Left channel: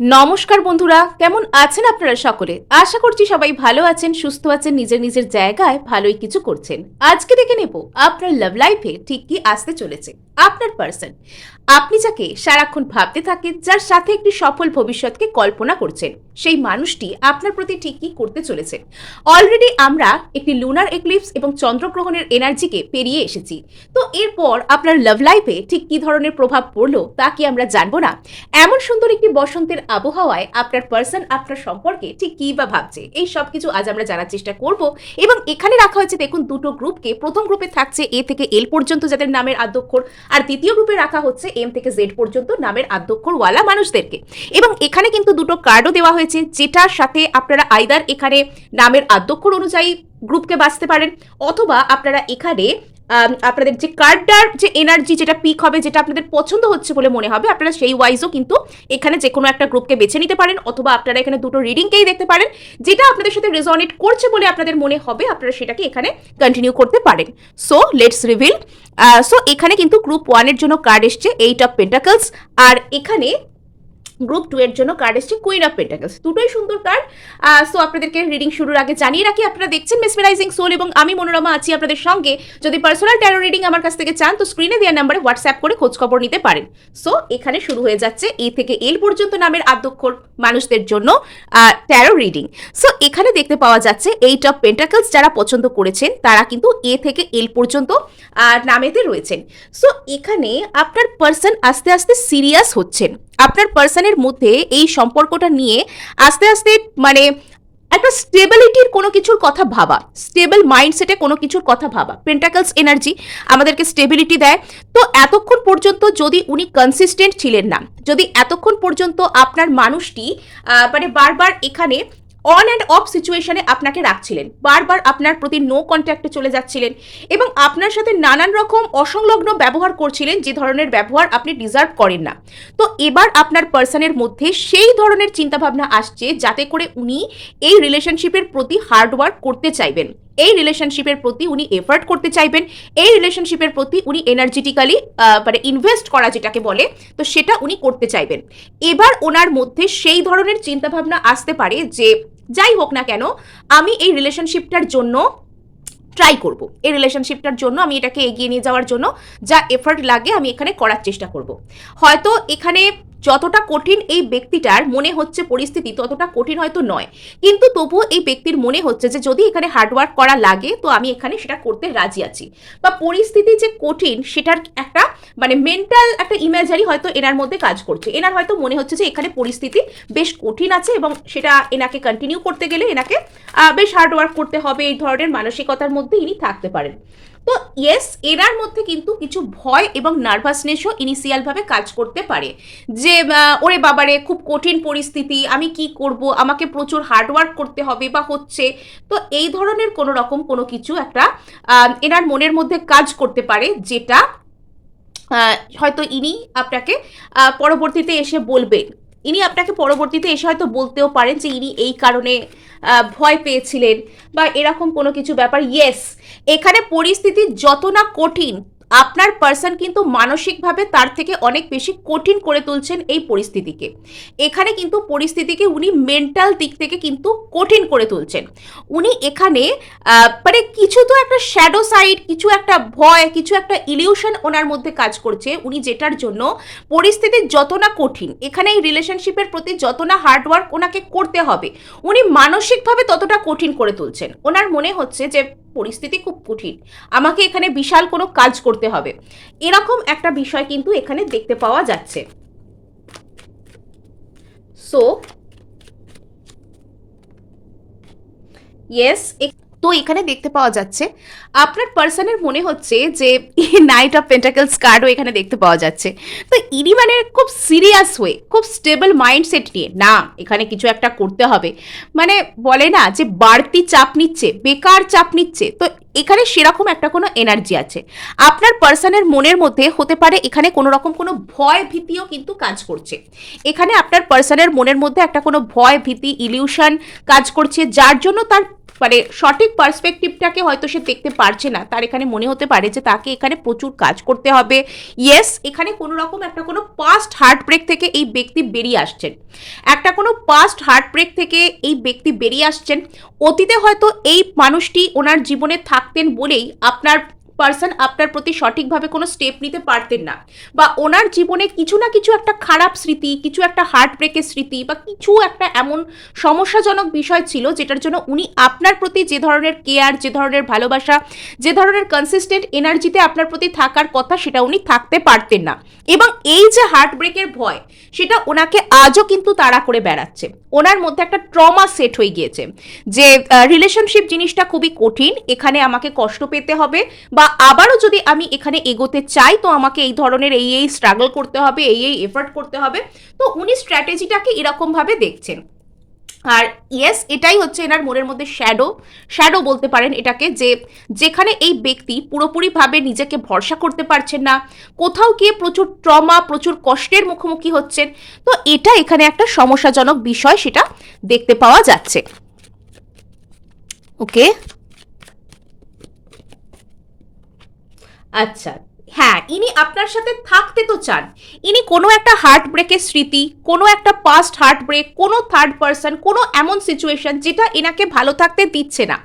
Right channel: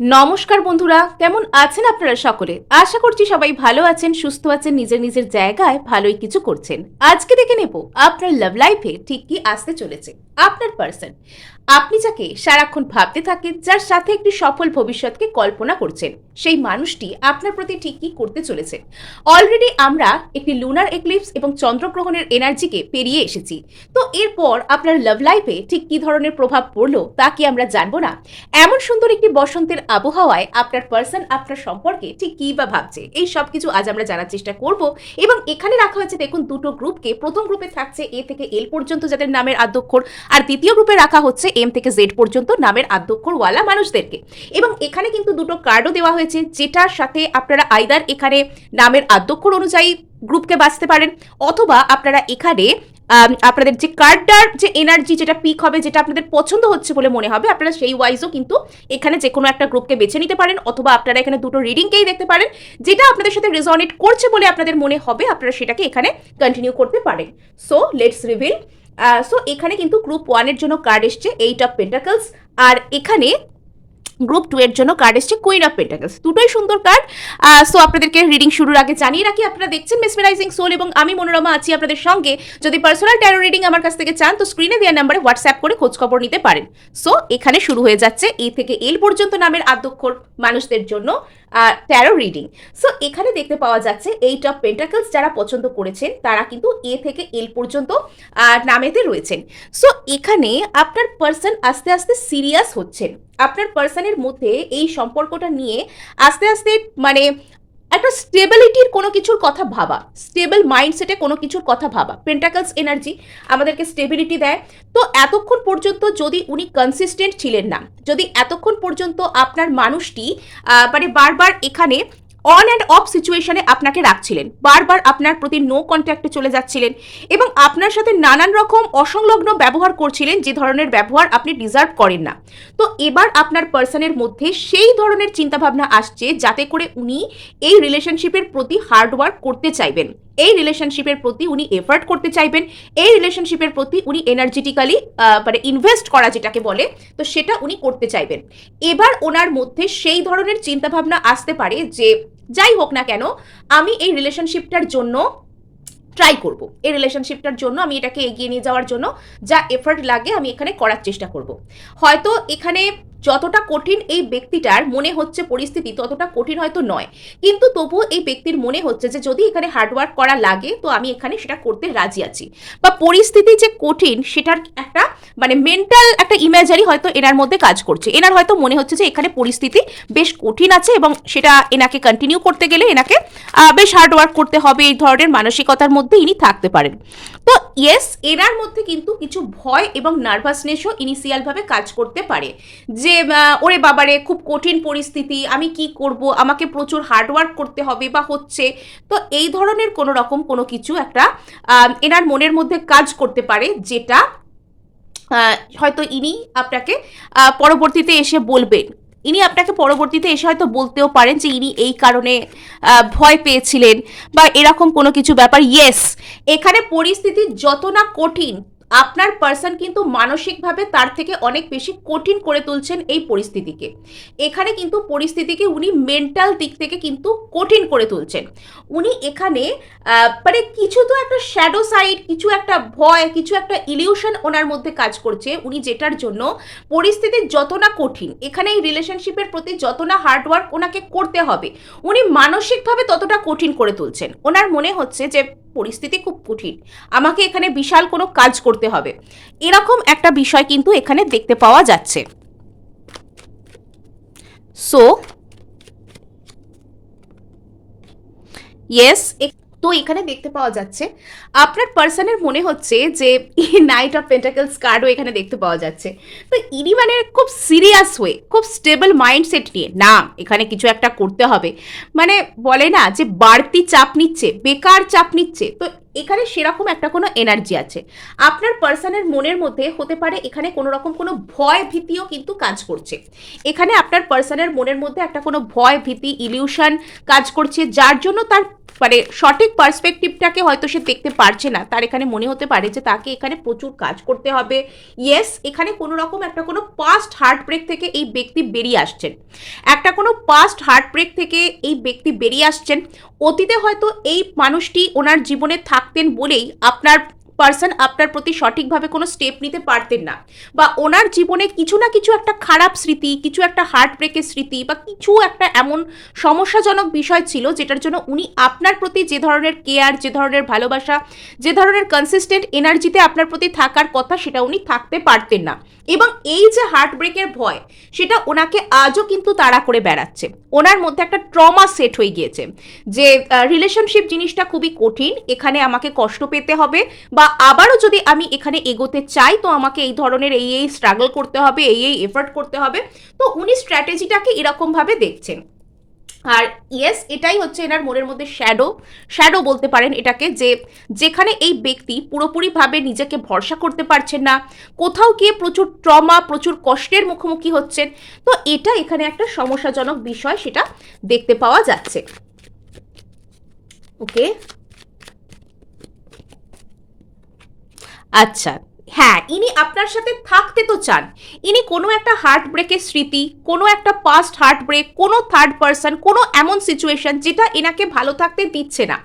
নমস্কার বন্ধুরা, কেমন আছেন আপনারা সকলে? আশা করছি সবাই ভালো আছেন, সুস্থ আছেন, নিজের নিজের জায়গায় ভালোই কিছু করছেন। আজকে দেখে নেব আপনার লাভ লাইফে ঠিক কি আসতে চলেছে। আপনার পার্সন, আপনি যাকে সারাক্ষণ ভাবতে থাকেন, যার সাথে একটি সফল ভবিষ্যৎকে কল্পনা করছেন, সেই মানুষটি আপনার প্রতি ঠিক কি করতে চলেছে। অলরেডি আমরা একটি লুনার এক্লিপস এবং চন্দ্রগ্রহণের এনার্জিকে পেরিয়ে এসেছি। তো এরপর আপনার লাভ লাইফে ঠিক কি ধরনের প্রভাব পড়লো তা কি আমরা জানবো না? এমন সুন্দর একটি বসন্তের আবহাওয়ায় আপনার পার্সন আপনার সম্পর্কে ঠিক কী বা ভাবছে, এই সব কিছু আজ আমরা জানার চেষ্টা করব। এবং এখানে রাখা হয়েছে দেখুন দুটো গ্রুপকে। প্রথম গ্রুপে থাকছে এ থেকে এল পর্যন্ত যাদের নামের আদ্যক্ষর, আর দ্বিতীয় গ্রুপে রাখা হচ্ছে এম থেকে জেড পর্যন্ত নামের আদ্যক্ষরওয়ালা মানুষদেরকে। এবং এখানে কিন্তু দুটো কার্ডও দেওয়া হয়েছে, যেটার সাথে আপনারা আইদার এখানে নামের আদ্যক্ষর অনুযায়ী গ্রুপকে বাঁচতে পারেন, অথবা আপনারা এখানে আপনাদের যে কার্ডটার যে এনার্জি যেটা পিক হবে, যেটা আপনাদের পছন্দ হচ্ছে বলে মনে হবে, আপনারা সেই ওয়াইজও কিন্তু এখানে যে কোনো একটা গ্রুপকে বেছে নিতে পারেন, অথবা আপনারা এখানে দুটো রিডিংকেই দেখতে পারেন। যেটা আপনাদের সাথে রেজনেট করছে বলে আপনাদের মনে হবে, আপনারা সেটাকে এখানে কন্টিনিউ করতে পারেন। So let's reveal. সো এখানে কিন্তু গ্রুপ 1 এর জন্য কার্ড এসছে 8 অফ পেন্টাকলস, আর এখানে গ্রুপ 2 এর জন্য কার্ড এসছে কুইন অফ পেন্টাকলস। দুটোই সুন্দর কার্ড। সো আপনাদেরকে রিডিং শুরুর আগে জানিয়ে রাখি, আপনারা দেখছেন মেসমেরাইজিং সোল এবং আমি মনোরমা আছি আপনাদের সঙ্গে। যদি পার্সোনাল ট্যারো রিডিং আমার কাছ থেকে চান তো স্ক্রিনে দেওয়া নাম্বারে হোয়াটসঅ্যাপ করে খোঁজ খবর নিতে পারেন। সো এখানে শুরু হয়ে যাচ্ছে এ থেকে এল পর্যন্ত নামের আদ্যক্ষর মানুষদের জন্য ট্যারো রিডিং। সো এখানে দেখতে পাওয়া যাচ্ছে 8 অফ পেন্টাকলস যারা পছন্দ করেছেন তারা কিন্তু এ থেকে এল পর্যন্ত নামেতে রয়েছেন। সো এখানে আপনার পার্সন আস্তে আস্তে সিরিয়াস হচ্ছেন। আপনার পার্সনের মধ্যে এই সম্পর্কটা নিয়ে আস্তে আস্তে মানে একটা স্টেবিলিটির কোনো কিছুর কথা ভাবা, স্টেবল মাইন্ডসেটে কোনো কিছুর কথা ভাবা। পেন্টাকলস এনার্জি আমাদেরকে স্টেবিলিটি দেয়। তো এতক্ষণ পর্যন্ত যদি উনি কনসিস্টেন্ট ছিলেন না, যদি এতক্ষণ পর্যন্ত আপনার মানুষটি মানে বারবার এখানে অন অ্যান্ড অফ সিচুয়েশনে আপনাকে রাখছিলেন, বারবার আপনার প্রতি নো কন্ট্যাক্টে চলে যাচ্ছিলেন এবং আপনার সাথে নানান রকম অসংলগ্ন ব্যবহার করছিলেন, যে ধরনের ব্যবহার আপনি ডিজার্ভ করেন না। তো এবার আপনার পার্সনের মধ্যে সেই ধরনের চিন্তাভাবনা আসছে যাতে করে উনি এই রিলেশনশিপের প্রতি হার্ডওয়ার্ক করতে চাইবেন, এই রিলেশনশিপের প্রতি উনি এফার্ট করতে চাইবেন, এই রিলেশনশিপের প্রতি উনি এনার্জেটিক্যালি মানে ইনভেস্ট করা যেটাকে বলে, তো সেটা উনি করতে চাইবেন। এবার ওনার মধ্যে সেই ধরনের চিন্তাভাবনা আসতে পারে যে যাই হোক না কেন আমি এই রিলেশনশিপটার জন্য ট্রাই করব, এই রিলেশনশিপটার জন্য আমি এটাকে এগিয়ে নিয়ে যাওয়ার জন্য যা এফর্ট লাগে আমি এখানে করার চেষ্টা করব। হয়তো এখানে যতটা কঠিন এই ব্যক্তিটার মনে হচ্ছে পরিস্থিতি, ততটা কঠিন হয়তো নয়, কিন্তু তবুও এই ব্যক্তির মনে হচ্ছে যে যদি এখানে হার্ডওয়ার্ক করা লাগে তো আমি এখানে সেটা করতে রাজি আছি। বা পরিস্থিতি যে কঠিন সেটার একটা মানে মেন্টাল একটা ইমেজারি হয়তো এনার মধ্যে কাজ করছে। এনার হয়তো মনে হচ্ছে যে এখানে পরিস্থিতি বেশ কঠিন আছে এবং সেটা এনাকে কন্টিনিউ করতে গেলে এনাকে বেশ হার্ডওয়ার্ক করতে হবে, এই ধরনের মানসিকতার মধ্যে ইনি থাকতে পারেন। তো ইয়েস, এনার মধ্যে কিন্তু কিছু ভয় এবং নার্ভাসনেসও ইনিশিয়ালভাবে কাজ করতে পারে, যে ওরে বাবারে খুব কঠিন পরিস্থিতি, আমি কি করব, আমাকে প্রচুর হার্ডওয়ার্ক করতে হবে বা হচ্ছে। তো এই ধরনের কোনো রকম কোনো কিছু একটা এনার মনের মধ্যে কাজ করতে পারে, যেটা হয়তো ইনি আপনাকে পরবর্তীতে এসে বলবেন। ইনি আপনাকে পরবর্তীতে এসে হয়তো বলতেও পারেন যে ইনি এই কারণে ভয় পেয়েছিলেন বা এরকম কোনো কিছু ব্যাপার। ইয়েস, এখানে পরিস্থিতি যত না কঠিন, আপনার পার্সন কিন্তু মানসিকভাবে তার থেকে অনেক বেশি কঠিন করে তুলছেন এই পরিস্থিতিকে। এখানে কিন্তু পরিস্থিতিকে উনি মেন্টাল দিক থেকে কিন্তু কঠিন করে তুলছেন। উনি এখানে মানে কিছু তো একটা শ্যাডো সাইড, কিছু একটা ভয়, কিছু একটা ইলিউশন ওনার মধ্যে কাজ করছে। উনি যেটার জন্য পরিস্থিতি যত না কঠিন, এখানে এই রিলেশনশিপের প্রতি যত না হার্ডওয়ার্ক ওনাকে করতে হবে, উনি মানসিকভাবে ততটা কঠিন করে তুলছেন। ওনার মনে হচ্ছে যে পরিস্থিতি খুব কঠিন, আমাকে এখানে বিশাল কোনো কাজ করতে হবে, এরকম একটা বিষয় কিন্তু এখানে দেখতে পাওয়া যাচ্ছে। সো ইয়েস, তো এখানে দেখতে পাওয়া যাচ্ছে আপনার পার্সনের মনে হচ্ছে যে নাইট অফ পেন্টাকলস কার্ডও এখানে দেখতে পাওয়া যাচ্ছে। তো ইনি মানে খুব সিরিয়াস হয়ে, খুব স্টেবল মাইন্ডসেট নিয়ে না এখানে কিছু একটা করতে হবে, মানে বলে না যে বাড়তি চাপ নিচ্ছে, বেকার চাপ নিচ্ছে, তো এখানে সেরকম একটা কোনো এনার্জি আছে। আপনার পার্সনের মনের মধ্যে হতে পারে এখানে কোনো রকম কোনো ভয় ভীতিও কিন্তু কাজ করছে। এখানে আপনার পার্সনের মনের মধ্যে একটা কোনো ভয় ভীতি ইলিউশন কাজ করছে, যার জন্য তার মানে সঠিক পার্সপেক্টিভটাকে হয়তো সে দেখতে পারছে না, তার এখানে মনে হতে পারে যে তাকে এখানে প্রচুর কাজ করতে হবে। ইয়েস, এখানে কোনো রকম একটা কোনো পাস্ট হার্ট ব্রেক থেকে এই ব্যক্তি বেরিয়ে আসছেন, একটা কোনো পাস্ট হার্ট ব্রেক থেকে এই ব্যক্তি বেরিয়ে আসছেন। অতীতে হয়তো এই মানুষটি ওনার জীবনে থাকতেন বলেই আপনার পার্সন আপনার প্রতি সঠিকভাবে কোনো স্টেপ নিতে পারতেন না, বা ওনার জীবনে কিছু না কিছু একটা খারাপ স্মৃতি, কিছু একটা হার্ট ব্রেকের স্মৃতি, বা কিছু একটা এমন সমস্যাজনক বিষয় ছিল যেটার জন্য উনি আপনার প্রতি যে ধরনের কেয়ার, যে ধরনের ভালোবাসা, যে ধরনের কনসিস্টেন্ট এনার্জিতে আপনার প্রতি থাকার কথা সেটা উনি থাকতে পারতেন না। এবং এই যে হার্ট ব্রেকের ভয়, সেটা ওনাকে আজও কিন্তু তাড়া করে বেড়াচ্ছে। ওনার মধ্যে একটা ট্রমা সেট হয়ে গিয়েছে যে রিলেশনশিপ জিনিসটা খুবই কঠিন, এখানে আমাকে কষ্ট পেতে হবে, বা আবারও যদি আমি এখানে এগোতে চাই তো আমাকে এই ধরনের এই স্ট্রাগল করতে হবে, এই এফর্ট করতে হবে। তো উনি স্ট্র্যাটেজিটাকে এরকমভাবে দেখছেন। আর ইয়েস, এটাই হচ্ছে এনার মনের মধ্যে শ্যাডো বলতে পারেন এটাকে, যে যেখানে এই ব্যক্তি পুরোপুরিভাবে নিজেকে ভরসা করতে পারছেন না, কোথাও গিয়ে প্রচুর ট্রমা, প্রচুর কষ্টের মুখোমুখি হচ্ছেন। তো এটা এখানে একটা সমস্যাজনক বিষয়, সেটা দেখতে পাওয়া যাচ্ছে। ওকে, আচ্ছা, হ্যাঁ, ইনি আপনার সাথে থাকতে তো চান। ইনি কোনো একটা হার্ট ব্রেকের স্মৃতি, কোনো একটা পাস্ট হার্ট ব্রেক, কোনো থার্ড পার্সন, কোনো এমন সিচুয়েশন যেটা এনাকে ভালো থাকতে দিচ্ছে না,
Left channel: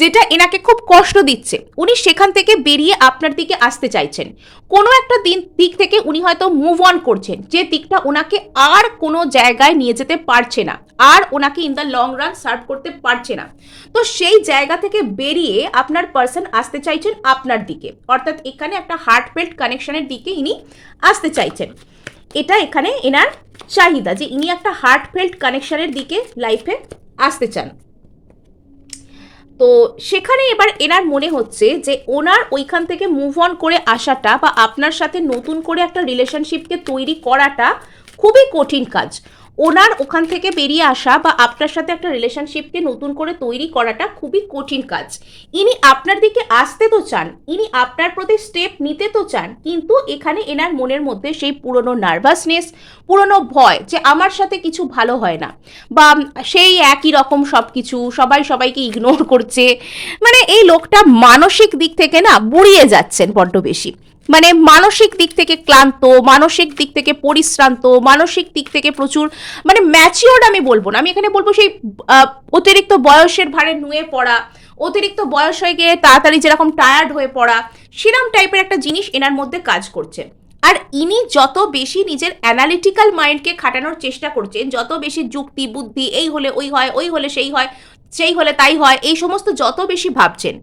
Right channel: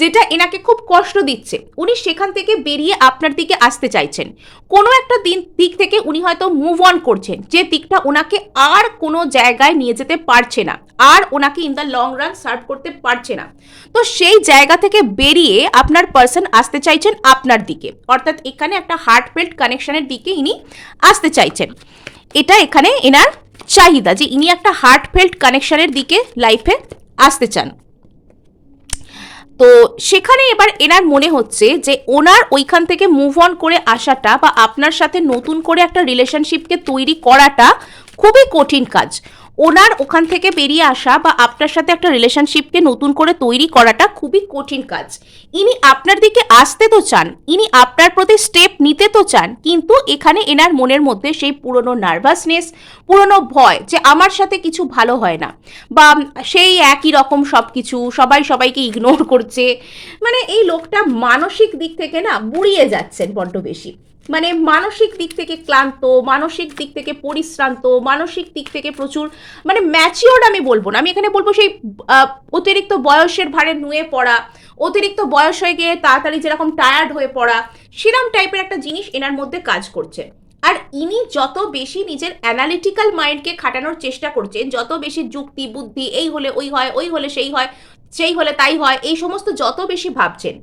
যেটা এনাকে খুব কষ্ট দিচ্ছে, উনি সেখান থেকে বেরিয়ে আপনার দিকে আসতে চাইছেন। কোনো একটা দিক থেকে উনি হয়তো মুভ অন করছেন, যে দিকটা ওনাকে আর কোনো জায়গায় নিয়ে যেতে পারছে না, আর ওনাকে in the long run serve করতে পারছে না। তো সেই জায়গা থেকে বেরিয়ে আপনার পার্সন আসতে চাইছেন আপনার দিকে, অর্থাৎ এখানে একটা হার্টফেল্ট কানেকশনের দিকে ইনি আসতে চাইছেন। এটা এখানে এনার চাহিদা, যে ইনি একটা হার্টফেল্ট কানেকশনের দিকে লাইফে আসতে চান। তো সেখানে এবার এনার মনে হচ্ছে যে ওনার ওইখান থেকে মুভ অন করে আসাটা, বা আপনার সাথে নতুন করে একটা রিলেশনশিপকে তৈরি করাটা খুবই কঠিন কাজ। ওনার ওখান থেকে বেরিয়ে আসা বা আপনার সাথে একটা রিলেশনশিপকে নতুন করে তৈরি করাটা খুবই কঠিন কাজ। ইনি আপনার দিকে আসতে তো চান, ইনি আপনার প্রতি স্টেপ নিতে তো চান, কিন্তু এখানে এনার মনের মধ্যে সেই পুরনো নার্ভাসনেস, পুরনো ভয় যে আমার সাথে কিছু ভালো হয় না, বা সেই একই রকম সব কিছু, সবাই সবাইকে ইগনোর করছে, মানে এই লোকটা মানসিক দিক থেকে না বুড়িয়ে যাচ্ছেন বড্ড বেশি। মানে মানসিক দিক থেকে ক্লান্ত, মানসিক দিক থেকে পরিশ্রান্ত, মানসিক দিক থেকে প্রচুর মানে ম্যাচিওর্ড আমি বলবো না, আমি এখানে বলবো সেই অতিরিক্ত বয়সের ভারে নুয়ে পড়া, অতিরিক্ত বয়স হয়ে গিয়ে তাড়াতাড়ি যেরকম টায়ার্ড হয়ে পড়া, সেরম টাইপের একটা জিনিস এনার মধ্যে কাজ করছে। আর ইনি যত বেশি নিজের অ্যানালিটিক্যাল মাইন্ডকে খাটানোর চেষ্টা করছেন, যত বেশি যুক্তি বুদ্ধি, এই হলে ওই হয়, ওই হলে সেই হয়, সেই হলে তাই হয়, এই সমস্ত যত বেশি ভাবছেন,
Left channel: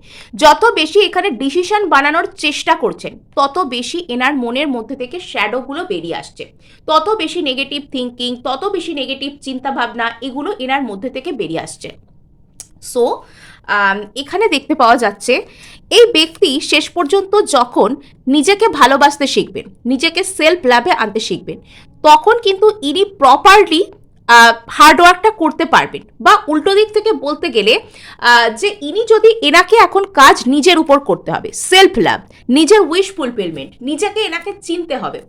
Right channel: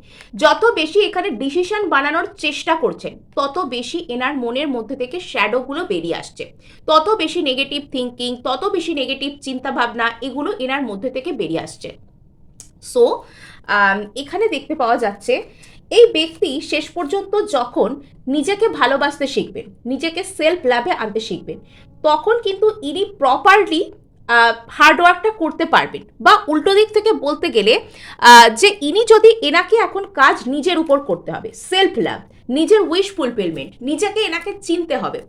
যত বেশি এখানে ডিসিশন বানানোর চেষ্টা করছেন, তত বেশি এনার মনের মধ্যে থেকে শ্যাডোগুলো বেরিয়ে আসছে, তত বেশি নেগেটিভ থিঙ্কিং, তত বেশি নেগেটিভ চিন্তাভাবনা, এগুলো এনার মধ্যে থেকে বেরিয়ে আসছে। সো এখানে দেখতে পাওয়া যাচ্ছে এই ব্যক্তি শেষ পর্যন্ত যখন নিজেকে ভালোবাসতে শিখবেন, নিজেকে সেলফ লাভে আনতে শিখবেন, তখন কিন্তু ইনি প্রপারলি হার্ডওয়ার্কটা করতে পারবেন। বা উল্টো দিক থেকে বলতে গেলে যে ইনি যদি, এনাকে এখন কাজ নিজের উপর করতে হবে, সেলফ লাভ, নিজের উইশ ফুলফিলমেন্ট, নিজেকে এনাকে চিনতে হবে।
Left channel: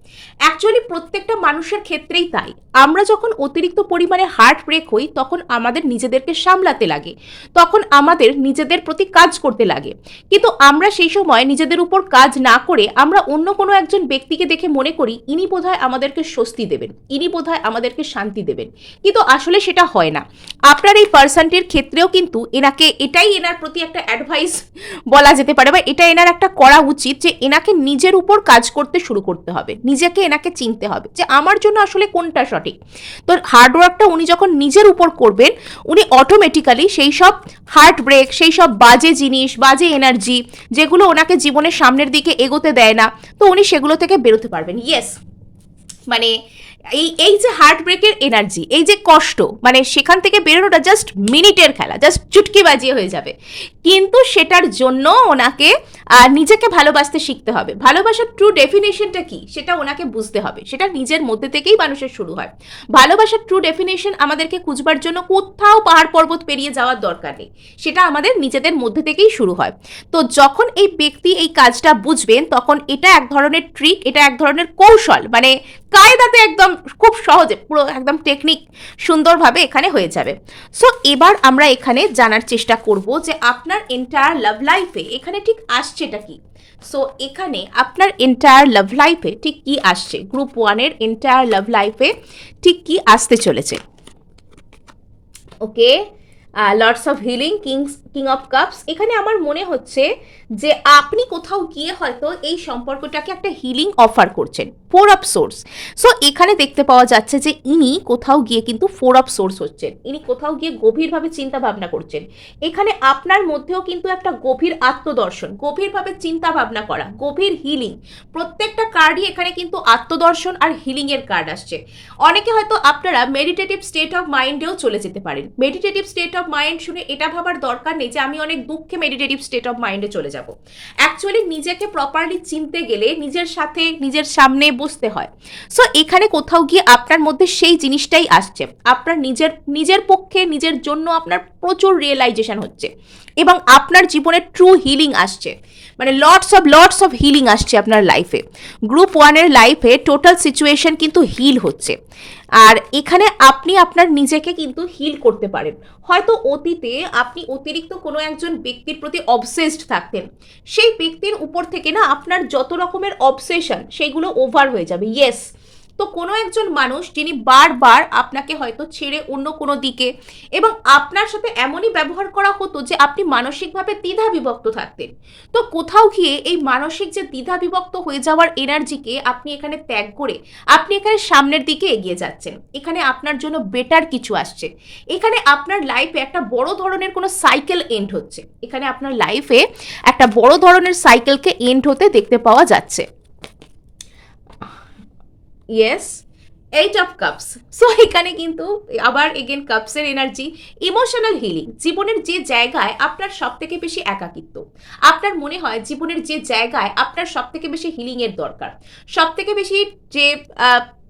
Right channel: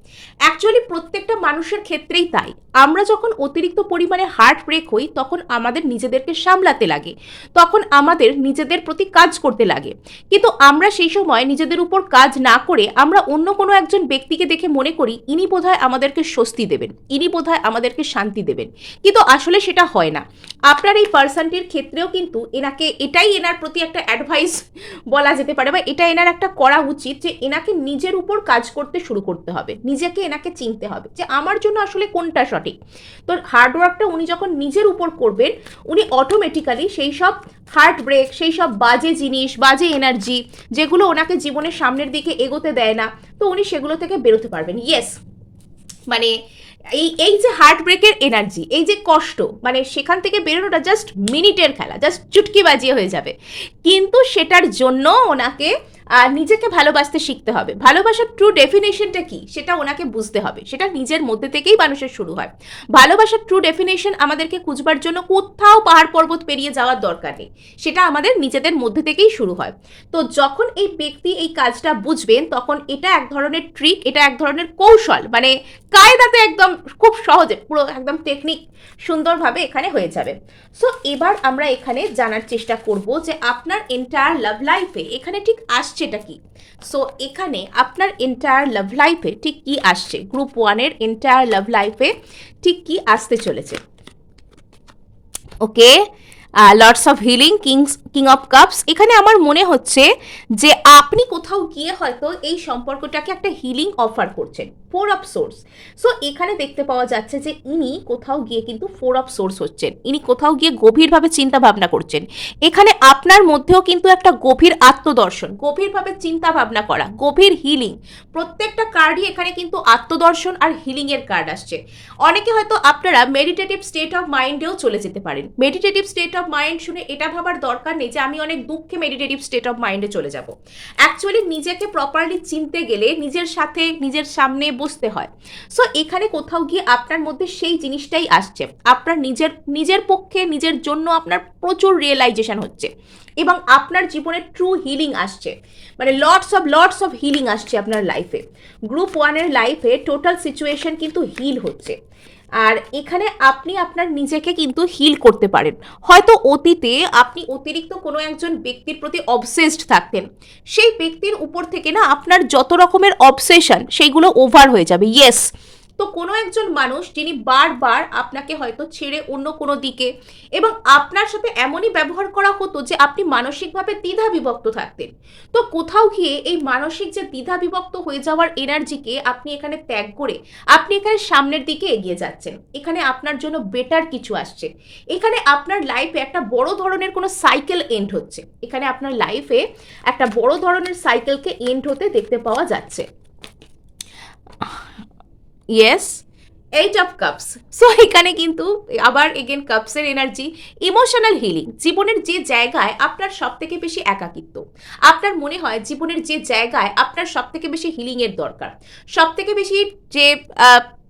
অ্যাকচুয়ালি প্রত্যেকটা মানুষের ক্ষেত্রেই তাই, আমরা যখন অতিরিক্ত পরিমাণে হার্ট ব্রেক হই তখন আমাদের নিজেদেরকে সামলাতে লাগে, তখন আমাদের নিজেদের প্রতি কাজ করতে লাগে, কিন্তু আমরা সেই সময় নিজেদের উপর কাজ না করে আমরা অন্য কোনো একজন ব্যক্তিকে দেখে মনে করি ইনি বোধহয় আমাদেরকে স্বস্তি দেবেন, ইনি বোধহয় আমাদেরকে শান্তি দেবেন, কিন্তু আসলে সেটা হয় না। আপনার এই পার্সনটির ক্ষেত্রেও কিন্তু এনাকে, এটাই এনার প্রতি একটা অ্যাডভাইস বলা যেতে পারে, বা এটা এনার একটা করা উচিত, যে এনাকে নিজের উপর কাজ করতে শুরু করতে হবে, নিজেকে এনাকে চিনতে হবে যে আমার জন্য আসলে কোনটা সঠিক। তো হার্ডওয়ার্কটা উনি যখন নিজের উপর করবেন, উনি অটোমেটিক্যালি সেই সব হার্ট ব্রেক, সেই সব বাজে জিনিস, বাজে এনার্জি যেগুলো ওনাকে জীবনের সামনের দিকে এগোতে দেয় না, তো উনি সেগুলো থেকে বেরোতে পারবেন। ইয়েস, মানে এই যে হার্ট ব্রেকের এনার্জি, এই যে কষ্ট, মানে সেখান থেকে বেরোনোটা জাস্ট মিনিটের খেলা, জাস্ট চুটকি বাজিয়ে হয়ে যাবে, কিন্তু সেটার জন্য ওনাকে নিজেকে ভালোবাসতে শিখতে হবে। ভালোবাসার ট্রু ডেফিনেশনটা কি সেটা ওনাকে বুঝতে হবে, সেটা নিজের মধ্যে থেকেই মানুষের শুরু হয়। ভালোবাসার ট্রু ডেফিনেশন আমাদেরকে খুঁজবার জন্য কোথাও পাহাড় পর্বত পেরিয়ে যাওয়ার দরকার নেই, সেটা আমাদের নিজেদের মধ্যে থেকেই শুরু হয়। তো যখন এই ব্যক্তি এই কাজটা বুঝবেন, তখন এটা এক ধরনের ট্রিক, এটা এক ধরনের কৌশল, মানে কায়দাতে একদম খুব সহজে পুরো একদম টেকনিক সুন্দরভাবে এখানে হয়ে যাবে। সো এবার আমরা এখানে জানার চেষ্টা করব যে আপনার এন্টায়ার লাভ লাইফে এখানে ঠিক আসছেটা কি। সো এখানে আপনার এন্টায়ার লাভ লাইফে ঠিক কি আসছে, গ্রুপ 1-এর এন্টায়ার লাভ লাইফে ঠিক কি আসতে চলেছে। Okay, lords of healing, king of cups. এখানে আমার মনে হচ্ছে যে আপনি কোথাও গিয়ে হয়তো এই সম্পর্কটাকে একটা হিলিং অফার করছেন। 4 অফ সোর্স। সো এখানে দেখতে পাওয়া যাচ্ছে যে ইনি কোথাও গিয়ে কিন্তু 4 অফ সোর্স হচ্ছেন, ইনি কোথাও গিয়ে গভীরভাবে চিন্তা ভাবনা করছেন। এখানে আপনার মধ্যেও কিন্তু একটা গভীর আত্মদর্শন, গভীরভাবে চিন্তা ভাবনা করা, গভীর হিলিং। প্রত্যেকটা কার্ডই এখানে কিন্তু আত্মদর্শন আর হিলিং এর কার্ড আসছে। অনেকে হয়তো আপনারা মেডিটেটিভ স্টেট অফ মাইন্ডেও চলে যেতে পারেন। মেডিটেটিভ স্টেট অফ মাইন্ড শুনে এটা ভাবার দরকার নেই যে আমি অনেক দুঃখে মেডিটেটিভ স্টেট অফ মাইন্ডে চলে যাব। অ্যাকচুয়ালি নিজেকে প্রপারলি চিনতে গেলে নিজের সাথে নিজের সামনে বসতে হয়। সো এখানে কোথাও গিয়ে আপনার মধ্যে সেই জিনিসটাই আসছে, আপনার নিজের পক্ষে নিজের জন্য আপনার প্রচুর রিয়েলাইজেশন হচ্ছে এবং আপনার জীবনে ট্রু হিলিং আসছে, মানে লটস অফ হিলিং আসছে আপনার লাইফে। গ্রুপ 1-এর লাইফে টোটাল সিচুয়েশন কিন্তু হিল হচ্ছে। আর এখানে আপনি আপনার নিজেকে কিন্তু হিল করতে পারেন। হয়তো অতীতে আপনি অতিরিক্ত কোনো একজন ব্যক্তির প্রতি অবসেসড থাকতেন, সেই ব্যক্তির উপর থেকে না আপনার যত রকমের অবসেশন সেইগুলো ওভার হয়ে যাবে। ইয়েস, তো কোনো একজন মানুষ যিনি বারবার আপনাকে হয়তো ছেড়ে অন্য কোনো দিকে, এবং আপনার সাথে এমনই ব্যবহার করা হতো যে আপনি মানসিকভাবে দ্বিধা বিভক্ত থাকতেন। তো কোথাও গিয়ে এই মানসিক যে দ্বিধা বিভক্ত হয়ে যাওয়ার এনার্জিকে আপনি এখানে ত্যাগ করে আপনি এখানে সামনের দিকে এগিয়ে যাচ্ছেন। এখানে আপনার জন্য বেটার কিছু আসছে। এখানে আপনার লাইফে একটা বড় ধরনের কোনো সাইকেল এন্ড হচ্ছে। এখানে আপনার লাইফে একটা বড় ধরনের সাইকেলকে এন্ড হতে দেখতে পাওয়া যাচ্ছে। Yes, 8 of cups. সো এখানে কিন্তু আবার এগেন কাপসের এনার্জি, ইমোশনাল হিলিং। জীবনের যে জায়গায় আপনার সব থেকে বেশি একাকিত্ব, আপনার মনে হয় জীবনের যে জায়গায় আপনার সব থেকে বেশি হিলিংয়ের দরকার, সব থেকে বেশি যে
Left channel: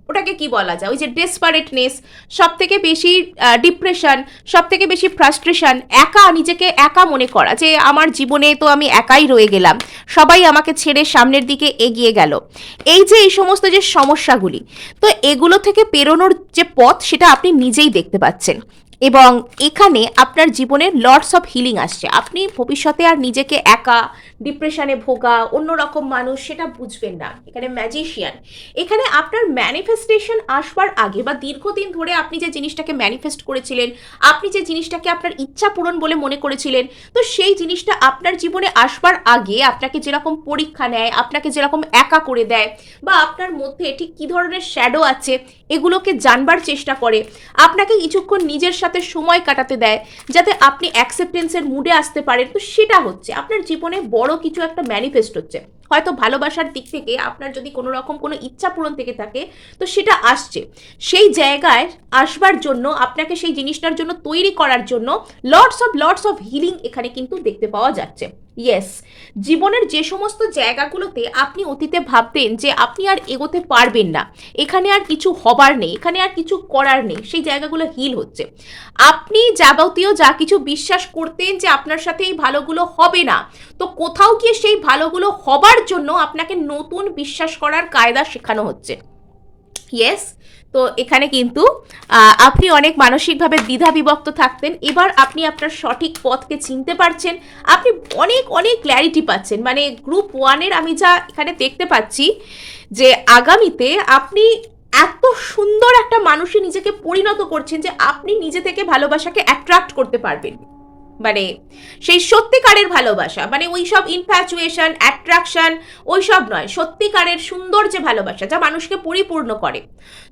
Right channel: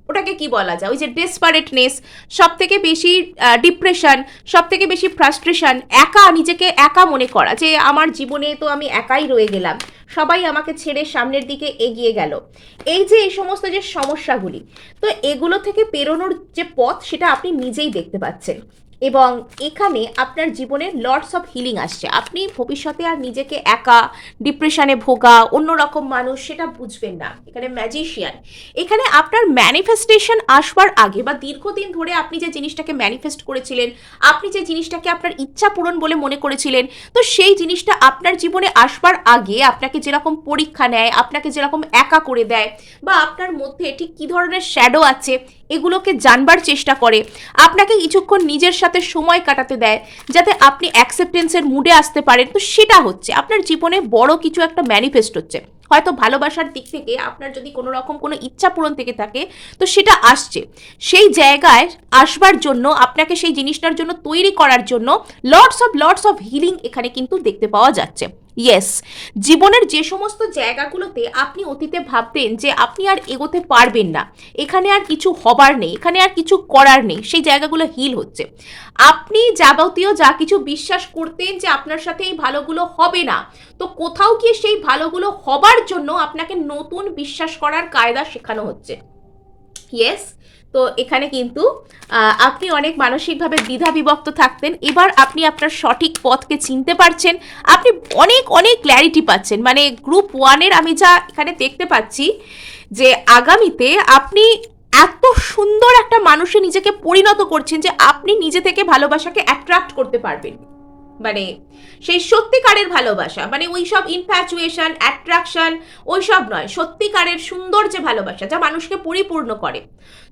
ওটাকে কি বলা যায়, ওই যে ডেসপারেটনেস, সব থেকে বেশি ডিপ্রেশন, সব থেকে বেশি ফ্রাস্ট্রেশন, নিজেকে একা মনে করা যে আমার জীবনে তো আমি একাই রয়ে গেলাম, সবাই আমাকে ছেড়ে সামনের দিকে এগিয়ে গেল, এই সমস্ত যে সমস্যাগুলি, তো এগুলো থেকে পেরোনোর যে পথ সেটা আপনি নিজেই দেখতে পাচ্ছেন। এবং এখানে আপনার জীবনে লর্ডস অফ হিলিং আসছে। আপনি ভবিষ্যতে আর নিজেকে একা, ডিপ্রেশনে ভোগা, অন্যরকম মানুষ সেটা বুঝবেন না। এখানে ম্যাজিশিয়ান, এখানে আপনার ম্যানিফেস্টেশন আসবার আগে বা দীর্ঘদিন ধরে আপনি যে জিনিসটাকে ম্যানিফেস্ট করেছিলেন, আপনি যে জিনিসটাকে আপনার ইচ্ছা পূরণ বলে মনে করেছিলেন, তো সেই জিনিসটা আপনার জীবনে আসবার আগে আপনাকে যেরকম পরীক্ষা নেয়, আপনাকে যেরকম একা করে দেয়, বা আপনার মধ্যে ঠিক কী ধরনের শ্যাডো আছে এগুলোকে জানবার চেষ্টা করে, আপনাকে কিছুক্ষণ নিজের সাথে সময় কাটাতে দেয় যাতে আপনি অ্যাকসেপ্টেন্সের মুডে আসতে পারেন। তো সেটা হচ্ছে আপনার জীবনে বড় কিছু একটা ম্যানিফেস্ট হচ্ছে। হয়তো ভালোবাসার দিক থেকে আপনার যদি কোনো রকম কোনো ইচ্ছা পূরণ থেকে থাকে তো সেটা আসছে। সেই জায়গায় আসবার জন্য আপনাকে সেই জিনিসটার জন্য তৈরি করার জন্য লর্ডস অফ হিলিং এখানে কিন্তু দেখতে পাওয়া যাচ্ছে। ইয়েস, জীবনের যে সমস্ত জায়গাগুলোতে আপনি অতীতে ভাবতেন যে আপনি আর এগোতে পারবেন না, এখানে আর কিছু হবার নেই, এখানে আর কিছু করার নেই, সেই জায়গাগুলো হিল হচ্ছে। আপনি যাবতীয় যা কিছু বিশ্বাস করতেন যে আপনার সাথে এই ভালোগুলো হবে না, তো কোথাও গিয়ে সেই ভালোগুলো হবার জন্য আপনাকে নতুন বিশ্বাস করার কায়দা শেখানো হচ্ছে। ইয়েস, তো এখানে কিন্তু আপনি অনেক মানসিকভাবে দ্বিধা বিভক্ত থাকতেন, এবার আপনি আপনার সঠিক পথকে চিনতে পারছেন, আপনি অনেক ক্ল্যারিটি পাচ্ছেন। মানে গ্রুপ 1-এর আমি যা এখানে দেখতে পাচ্ছি যে আগামীতে আপনি এত সুন্দর একটা মানুষে নিজেকে পরিণত করছেন যে আপনি নিজে থেকে ভালোবাসাকে অ্যাট্রাক্ট করতে পারবেন। মানে সেই সত্যিকারের ভালোবাসা, মানে ওই সব ইনফ্যাচুয়েশন, অ্যাট্রাকশন ওই সব নয়, সত্যিকারের সুন্দর যে ভালোবাসা যা মানুষকে পরিপূর্ণ করে।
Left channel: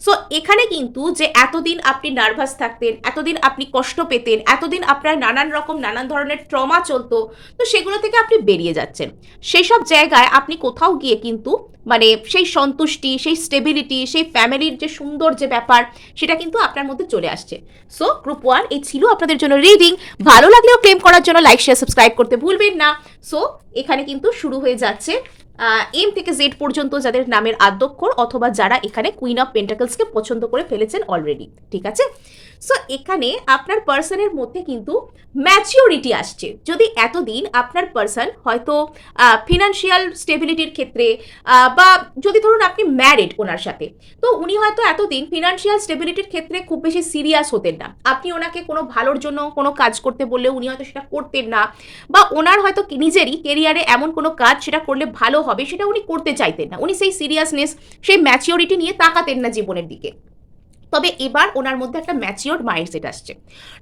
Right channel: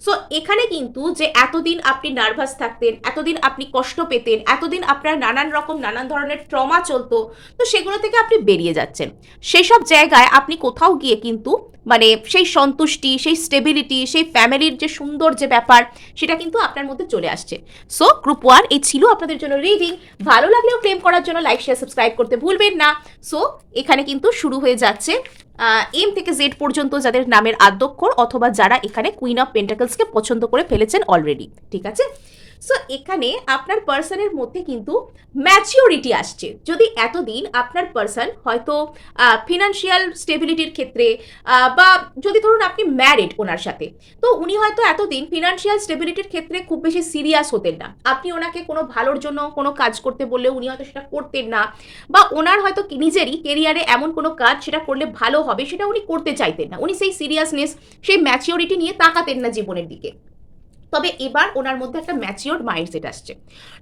সো এখানে কিন্তু যে এতদিন আপনি নার্ভাস থাকতেন, এতদিন আপনি কষ্ট পেতেন, এতদিন আপনার নানান ধরনের ট্রমা চলতো, তো সেগুলো থেকে আপনি বেরিয়ে যাচ্ছেন। সেই সব জায়গায় আপনি কোথাও গিয়ে কিন্তু মানে সেই সন্তুষ্টি, সেই স্টেবিলিটি, সেই ফ্যামিলির যে সুন্দর যে ব্যাপার সেটা কিন্তু আপনার মধ্যে চলে আসছে। সো গ্রুপ 1 এই ছিল আপনাদের জন্য রিডিং। ভালো লাগলেও ক্লেম করার জন্য লাইক, শেয়ার, সাবস্ক্রাইব করতে ভুলবেন না। সো এখানে কিন্তু শুরু হয়ে যাচ্ছে এম থেকে জেড পর্যন্ত যাদের নামের আদ্যক্ষর অথবা যারা এখানে কুইন অফ পেন্টাকলসকে পছন্দ করে ফেলেছেন অলরেডি। ঠিক আছে, সো এখানে আপনার পার্সনের মধ্যে কিন্তু ম্যাচিওরিটি আসছে। যদি এতদিন আপনার পার্সন হয়তো ফিনান্সিয়াল স্টেবিলিটির ক্ষেত্রে বা যদি ধরুন আপনি ম্যারিড ওনার সাথে, তো উনি হয়তো এতদিন ফিনান্সিয়াল স্টেবিলিটির ক্ষেত্রে খুব বেশি সিরিয়াস হতেন না। আপনি ওনাকে কোনো ভালোর জন্য কোনো কাজ করতে বললে উনি হয়তো সেটা করতেন না, বা ওনার হয়তো নিজেরই কেরিয়ারে এমন কোনো কাজ সেটা করলে ভালো হবে সেটা উনি করতে চাইতেন না। উনি সেই সিরিয়াসনেস, সেই ম্যাচিওরিটি নিয়ে তাকাতেন না জীবনের দিকে। তবে এবার ওনার মধ্যে একটা ম্যাচিওর মাইন্ডসেট আসছে।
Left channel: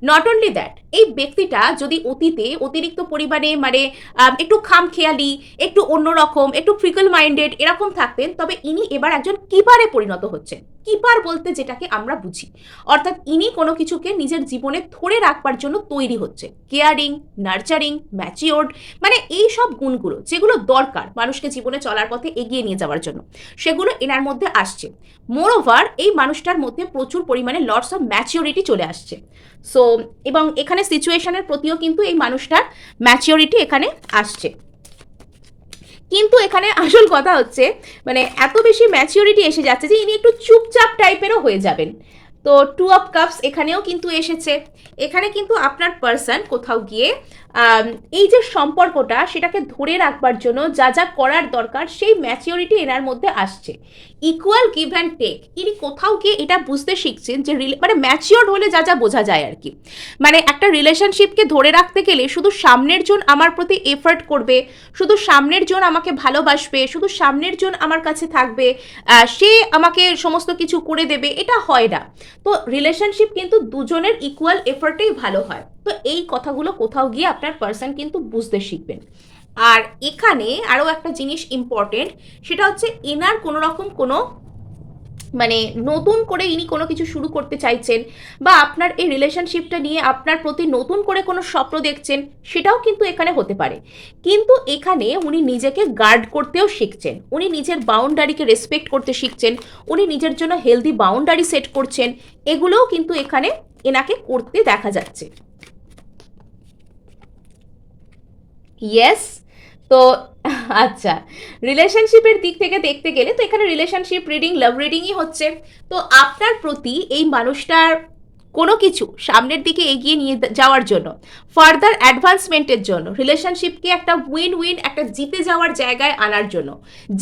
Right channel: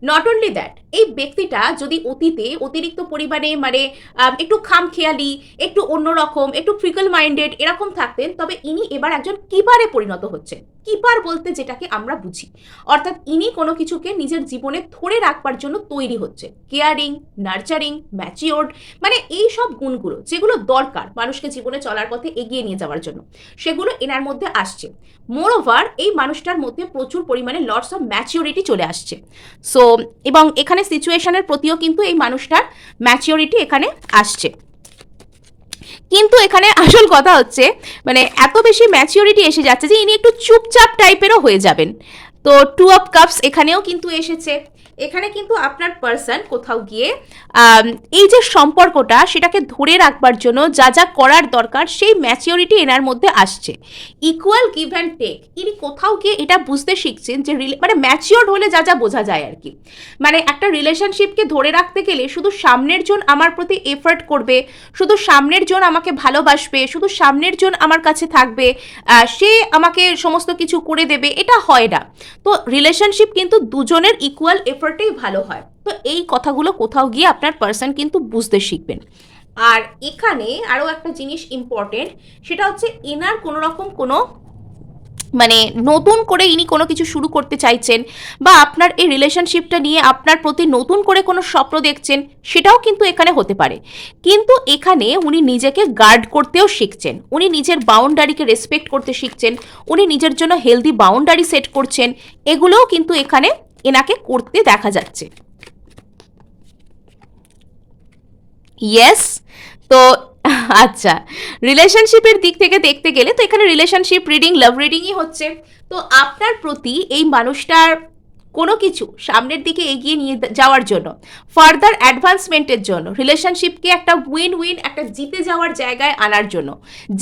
নট অনলি দ্যাট, এই ব্যক্তিটা যদি অতীতে অতিরিক্ত পরিমাণে মানে একটু খামখেয়ালি, একটু অন্যরকম, একটু ফ্রিকল মাইন্ডেড এরকম থাকতেন, তবে ইনি এবার একজন কিপারে পরিণত হচ্ছেন। কিপার বলতে যেটাকে আমরা বুঝি, অর্থাৎ ইনি কোনো কিছুকে নিজের জীবনে ধরে রাখবার জন্য তৈরি হচ্ছে। কেয়ারিং, নার্চারিং, ম্যাচিওর্ড, মানে এই সব গুণগুলো যেগুলো দরকার মানুষকে জীবনে চলার পথে এগিয়ে নিয়ে যাওয়ার জন্য, সেগুলো এনার মধ্যে আসছে। মোরওভার এই মানুষটার মধ্যে প্রচুর পরিমাণে লটস অফ ম্যাচিওরিটি চলে আসছে। সো এবং এখানে সিচুয়েশনের প্রতিও কিন্তু এই মানুষটার ম্যাচিওরিটি এখানে আসছে। কিন্তু এখানে আসল কথা হচ্ছে মানে এত বেশি ম্যাচিওরিটি এসে যাচ্ছে যে ইনি একটু চুপচাপ টাইপেরও হয়ে যাবেন। তো 2 অফ কাপস এখানেও কিন্তু এসেছে। এখানে কিন্তু আপনার পার্সন কোথাও গিয়ে এই যে সম্পর্কটা সেটাকে ধরে রাখবার জন্য যা যা করার দরকার সেই ম্যাচিওরিটি এনার মধ্যে আসছে। ইকুয়াল গিভ অ্যান্ড টেক, ইনি কোথাও গিয়ে এটা বুঝতে শিখছেন যে মানে ম্যাচিওর হলে যা যা বোঝা যায় আর কি। মানে একটা রিলেশনশিপকে ধরে রাখতে গেলে শুধু সামনের জন আমার প্রতি এফর্ট করবে, শুধু সামনের জন আমাকে ভালোবাসবে, শুধু সামনের জন আমার কাছে থাকবে, সে আমাকে সমস্ত কিছু করে দেবে, এটা হয় না। তো রিলেশনশিপ কিন্তু দুজনের ইকুয়াল এফর্টেই ভালো হয়। তো এই কথাগুলো কোথাও গিয়ে আপনার পার্সন কিন্তু বুঝতে শিখবেন। আর এখানে আরও একটা জিনিস ইম্পর্টেন্ট, সেটা হচ্ছে এনার কোনো রকম কোনো মানে নতুন করে ইনি কোনো কিছু শুরু করতে চাইছেন, বা আপনার এই রিলেশনশিপটা নিয়ে আপনার প্রতি নতুন করে কোনো স্বপ্ন দেখছেন, সেটাও কিন্তু এখানে হতে পারে। কিন্তু এখানে উনি নিজেকে গার্ড করতেও শিখছেন, উনি নিজের বাউন্ডারিকে রেসপেক্ট করতে শিখছেন, উনি নিজের জন্য হেলদি বাউন্ডারি সেট করছেন, এগুলোও কিন্তু এখানে এনাকে করতে দেখা যাচ্ছে। ইয়েস। তো আচ্ছা, রিলেশনশিপের দিক থেকে দেখতে গেলে তো এখানে রিলেশনশিপ রিডিং, লাভ রিডিংই হচ্ছে। তো আপনার প্রতি এই মানুষটার কোনো কিছু সামনের দিকে এগিয়ে নিয়ে যাওয়ার জন্য, ফার্দার অ্যাডভান্সমেন্টের জন্য, রিলেশনশিপকে একটা উইন উইন, একটা জিতে যাওয়ার জায়গায় আনার জন্য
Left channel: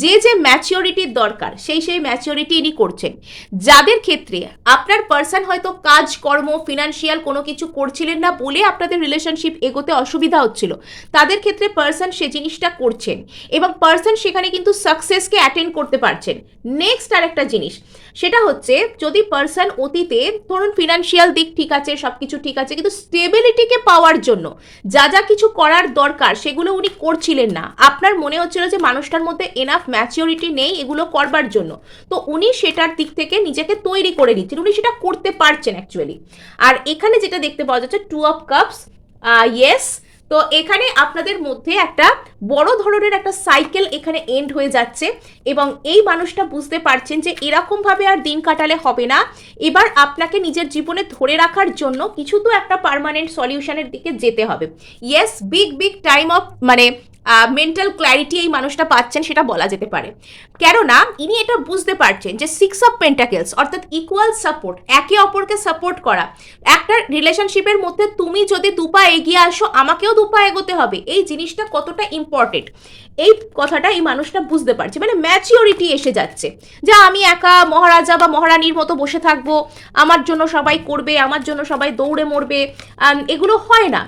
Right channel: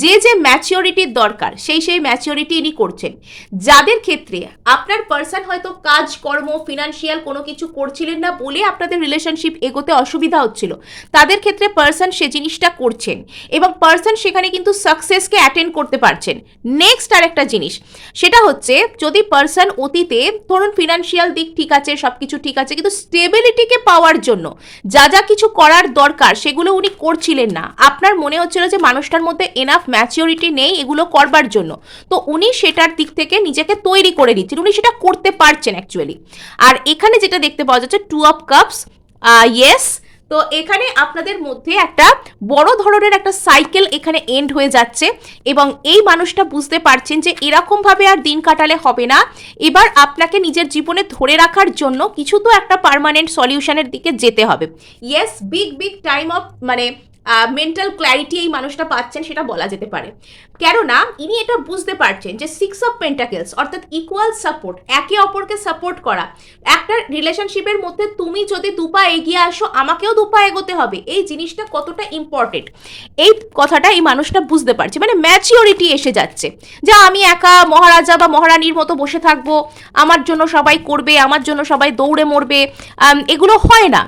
যে যে ম্যাচিওরিটির দরকার সেই ম্যাচিওরিটি ইনি করছেন। যাদের ক্ষেত্রে আপনার পার্সন হয়তো কাজকর্ম, ফিনান্সিয়াল কোনো কিছু করছিলেন না বলে আপনাদের রিলেশনশিপ এগোতে অসুবিধা হচ্ছিল, তাদের ক্ষেত্রে পার্সন সে জিনিসটা করছেন এবং পার্সন সেখানে কিন্তু সাকসেসকে অ্যাটেন্ড করতে পারছেন। নেক্সট আর একটা জিনিস, সেটা হচ্ছে যদি পার্সন অতীতে ধরুন ফিনান্সিয়াল দিক ঠিক আছে, সব কিছু ঠিক আছে, কিন্তু স্টেবিলিটিকে পাওয়ার জন্য যা যা কিছু করার দরকার সেগুলো উনি করছিলেন না, আপনার মনে হচ্ছিল যে মানুষটার মধ্যে এনাফ ম্যাচিওরিটি নেই এগুলো করবার জন্য, তো উনি সেটার দিক থেকে নিজেকে তৈরি করে নিচ্ছেন, উনি সেটা করতে পারছেন অ্যাকচুয়ালি। আর এখানে যেটা দেখতে পাওয়া যাচ্ছে 2 অফ কাপস, ইয়েস। তো এখানে আপনাদের মধ্যে একটা বড় ধরনের একটা সাইকেল এখানে এন্ড হয়ে যাচ্ছে এবং এই মানুষটা বুঝতে পারছেন যে এরকমভাবে আর দিন কাটালে হবে না, এবার আপনাকে নিজের জীবনে ধরে রাখার জন্য কিছু তো একটা পার্মানেন্ট সলিউশনের দিকে যেতে হবে। Yes, big big time of মানে মেন্টাল ক্ল্যারিটি এই মানুষটা পাচ্ছেন সেটা বলা যেতে পারে। কেননা ইনি এটা বুঝতে পারছেন যে 6 অফ পেন্টাকেলস অর্থাৎ ইকুয়াল সাপোর্ট, একে অপরকে সাপোর্ট করা, একটা রিলেশনশিপের মধ্যে তুমি যদি দুপা এগিয়ে আসো আমাকেও দুপা এগোতে হবে, এই জিনিসটা কতটা ইম্পর্টেন্ট এই কথাটা এই মানুষটা বুঝতে পারছে। মানে ম্যাচিওরিটি এসে যাচ্ছে যে আমি একা মহারাজা বা মহারানীর মতো বসে থাকবো, আমার জন্য সবাই করবে, আমার জন্য সবাই দৌড়ে মরবে, এগুলো হয় না।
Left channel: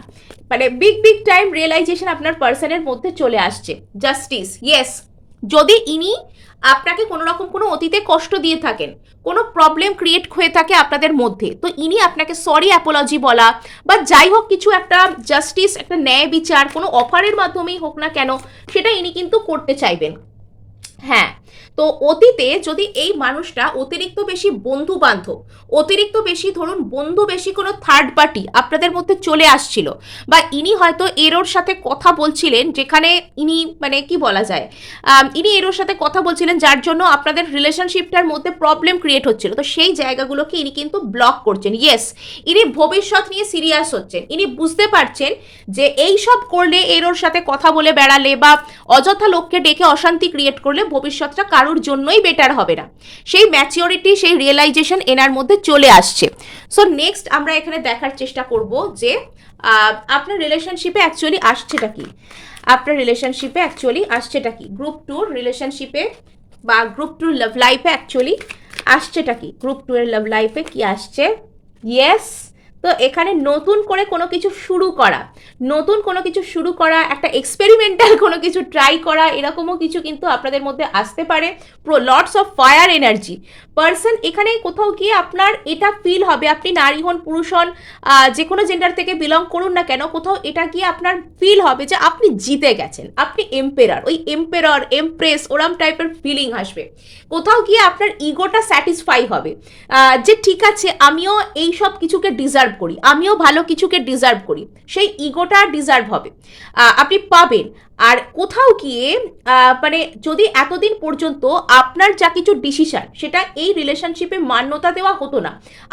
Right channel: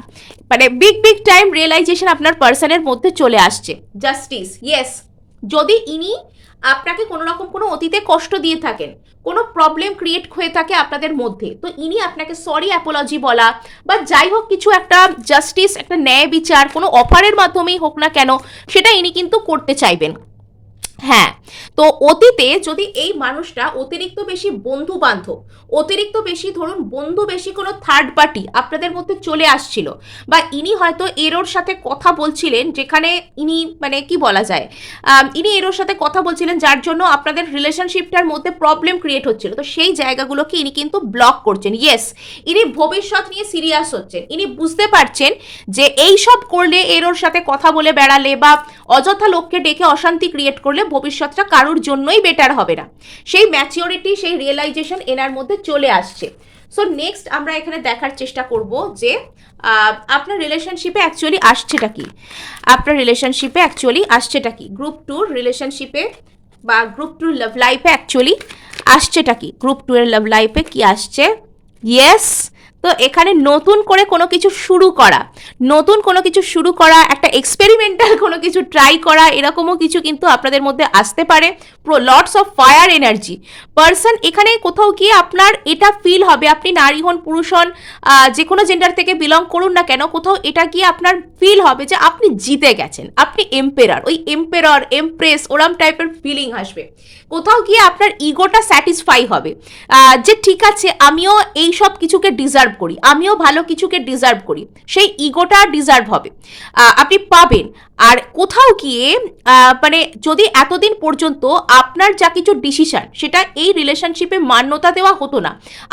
মানে বিগ বিগ টাইম রিয়েলাইজেশন আপনার পার্সনের মধ্যে চলে আসছে। Justice, yes. যদি ইনি আপনাকে কোনো রকম কোনো অতীতে কষ্ট দিয়ে থাকেন, কোনো প্রবলেম ক্রিয়েট হয়ে থাকে আপনাদের মধ্যে, তো ইনি আপনাকে সরি অ্যাপোলজি বলা বা যাই হোক কিছু একটা জাস্টিস, একটা ন্যায় বিচার কোনো অফারের মাধ্যমেই হোক না কেন, সেটা ইনি কিন্তু করতে চাইবেন। হ্যাঁ, তো অতীতে যদি এই মানুষটা অতিরিক্ত বেশি বন্ধু বান্ধব, অতিরিক্ত বেশি ধরুন বন্ধু বেশি কোনো থার্ড পার্টি আপনাদের মধ্যে চলে আসছিল, বা ইনি হয়তো এরোর সাথে কথা বলছিলেন যেখানে ইনি মানে কি বলা যায়, ইনি এরোর সাথে কথা বলছিলেন যার জন্য আপনাদের রিলেশনশিপটার মধ্যে প্রবলেম ক্রিয়েট হচ্ছিল, তো সেই জায়গাগুলোকে ইনি কিন্তু ব্লক করছেন। ইয়েস, ইনি ভবিষ্যৎ নিয়ে সিরিয়াস হচ্ছেন, ইনি বুঝতে পারছেন যে এই সব করলে এরোর সাথে কথা বলে বেড়ালে বা অযথা লোককে ডেকে অশান্তি ক্রিয়েট করলে ভবিষ্যৎটা কারোর জন্যই বেটার হবে না। সেই ম্যাচিওরিটি, সেই রিয়েলাইজেশন এনার মধ্যে চলে আসছে। সো নেক্সট আমরা এখানে দেখার চেষ্টা করব যে আপনার রিলেশনশিপে অ্যাকচুয়ালি আসছেটা কি, আপনার রিলেশনশিপে অ্যাকচুয়ালি আসছেটা কি, গ্রুপ টুর রিলেশনশিপে বা গ্রুপ টুর লাভ লাইফে অ্যাকচুয়ালি আসছেটা কি, গ্রুপ টু এর লাভ লাইফে কি আসছে। ইয়েস, তো এখানে নতুন করে কোনো কিছু শুরু করা, নতুন কোনো কিছু শুরু করা, একটা এক্সপেরিমেন্টাল কোনো কিছু ট্রাই করা, এরকমও কিছু কিন্তু আপনাদের মধ্যে আসতে পারে। Lots of fire energy. Person এখানে কোথাও গিয়ে আপনার এটা ফিল হবে, আপনি নারী হন পুরুষ হন, যে কোনো জেন্ডার থেকে বিলং করুন না কেন, কোথাও এটা গিয়ে আপনার ফিল হবে যে আপনি জিতে গেছেন, আপনি এম্পেরার, ওই এম্পেরার এমপ্রেস ওরম টাইপের ফিলিং আসবে। কোথাও গিয়ে আপনার ইগোটা স্যাটিসফাই হবে যে ঠিক আছে আমিও এই সব কিছুকে ডিজার্ভ করি, আমিও ভালো কিছুকে ডিজার্ভ করি, সেই ইগোটা ডিজার্ভ হবে, আপনি পাবেন। আর কোথাও গিয়ে মানে যদি এতদিন পর্যন্ত আপনার যা কিছু ডিসিশন সেটা এই রিলেশনশিপে মান্যতা দেওয়া হতো না,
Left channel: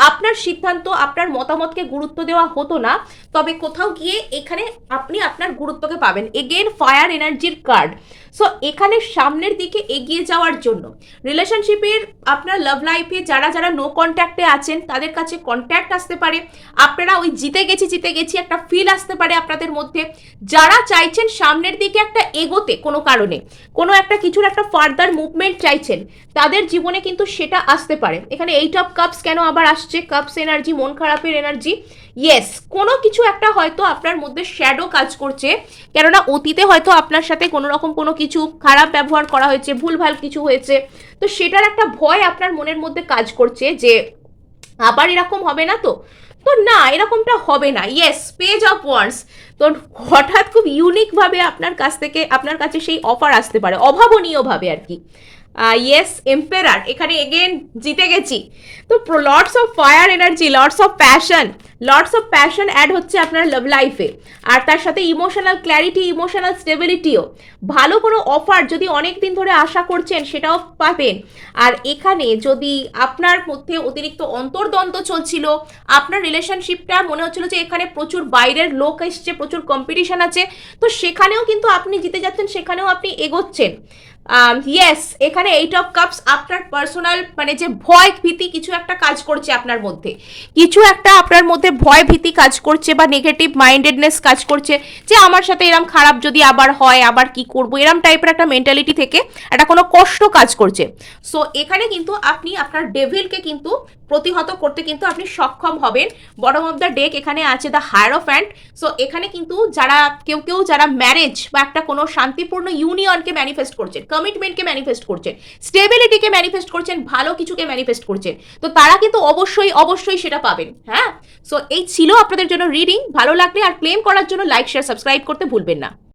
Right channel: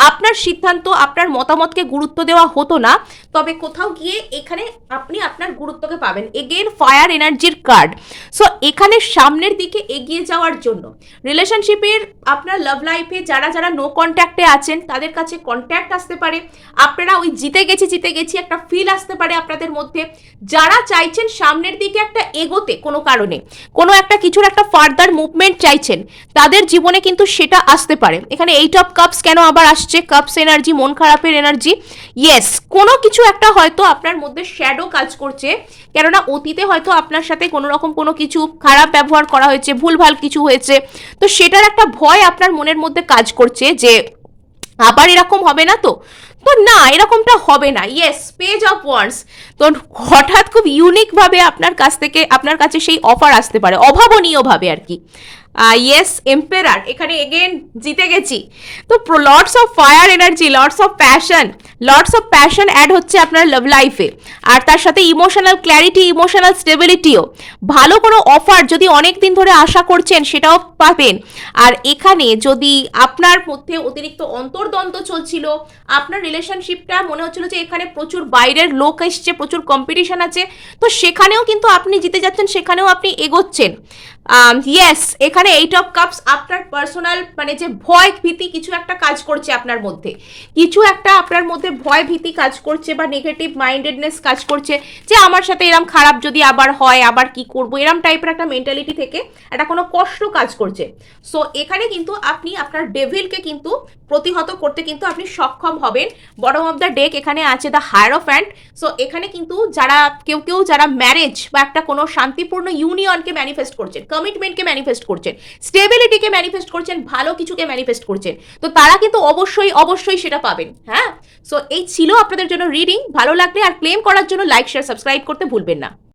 আপনার সিদ্ধান্ত আপনার মতামতকে গুরুত্ব দেওয়া হতো না, তবে কোথাও গিয়ে এখানে আপনি আপনার গুরুত্বকে পাবেন। এগেন ফায়ার এনার্জির কার্ড। সো এখানে সামনের দিকে এগিয়ে যাওয়ার জন্য রিলেশনশিপের আপনার লাভ লাইফে যারা যারা নো কন্ট্যাক্টে আছেন তাদের কাছে কন্ট্যাক্ট আসতে পারে, আপনারা ওই জিতে গেছি একটা ফিল আসতে পারে আপনাদের মধ্যে। যারা চাইছেন সামনের দিকে একটা এগোতে কোনো কারণে, কোনো একটা কিছুর একটা ফার্দার মুভমেন্ট চাইছেন, তাদের জীবনে কিন্তু সেটা আসতে পারে। এখানে 8 অফ কাপস কেন আবার আসছে, কাপস এনার্জি, মন খারাপের এনার্জি। ইয়েস, কোনো কিছু একটা হয়তো আপনার মধ্যে শ্যাডো কাজ করছে, কেননা অতীতে হয়তো আপনার সাথে কোনো রকম কোনো কিছু খারাপ ব্যবহার করা হয়েছে, ভুলভাল কিছু হয়েছে, তো সেটার একটা ভয় আপনার মনের মধ্যে কাজ করছে যে আবার এরকম হবে না তো, তো না এরকমটা হবে না। Yes, page of wands. তো হঠাৎ খুব ইউনিকভাবে আপনার কাছ থেকে আপনার কাছে সেই অফার আসতে পারে, অভাবনীয়ভাবে আর কি। ইয়েস, এম্পেরার, এখানে এগেন জিতে গেছি। তো lots of fire energy, lots of passion add হচ্ছে আপনার লাভ লাইফে, আর তার সাথে ইমোশনাল ক্ল্যারিটি, ইমোশনাল স্টেবিলিটিও। ভালো কোনো অফার যদি অনেক দিন ধরে আশা করছেন সেটাও পাবেন। আর এখানে যদি আপনার মধ্যে অতিরিক্ত অন্তর্দ্বন্দ্ব চলছিল, আপনার রিলেশনশিপটা মনে হচ্ছিল যে এখানে প্রচুর বাইরের লোক এসছে, প্রচুর কম্পিটিশন আছে, তো সেখানেও কিন্তু আপনি জিতে যাচ্ছেন, সেখানেও আপনি এগোচ্ছেন। ইয়েস, এখানে 8 অফ কাপস, আপনার পার্সোনাল মানে যে ভয় ভীতি কিছু একটা কাজ করছে আপনার মধ্যে, কিছু একটা আপনার মধ্যে ভয় ভীতি কাজ করছে বা নেগেটিভ মাইন্ডেডনেস কাজ করছে যে আমার সাথে এরম খারাপ যদি আবার হয় আবার কি করবো, এরম টাইপের একটা মেন্টালিটি থেকে একটা কোনো কষ্ট কাজ করছে। সো এখানে কিন্তু আপনি আপনার ডেভিলকে কিন্তু প্রতিহত করতে কিন্তু আপনি সক্ষম হবেন। বটম অফ দ্য ডেক এখানে আছে দ্য হায়ারোফ্যান্ট। সো এখানে কিন্তু যারা কেউ যারা ম্যারেজ বা একটা কোনো শান্তিপূর্ণ ইউনিয়নকে ম্যানিফেস্ট করছেন, কমিটমেন্টকে ম্যানিফেস্ট করছেন, স্টেবিলিটিকে ম্যানিফেস্ট করছেন, ভালো কিছুকে ম্যানিফেস্ট করছেন, তো তারা কিন্তু অবশ্যই সেটা পাবেন। হ্যাঁ, সো এই ছিল আপনাদের জন্য রিডিং। ভালো লাগলে আর ক্লেম করার জন্য লাইক শেয়ার সাবস্ক্রাইব করতে ভুলবেন না।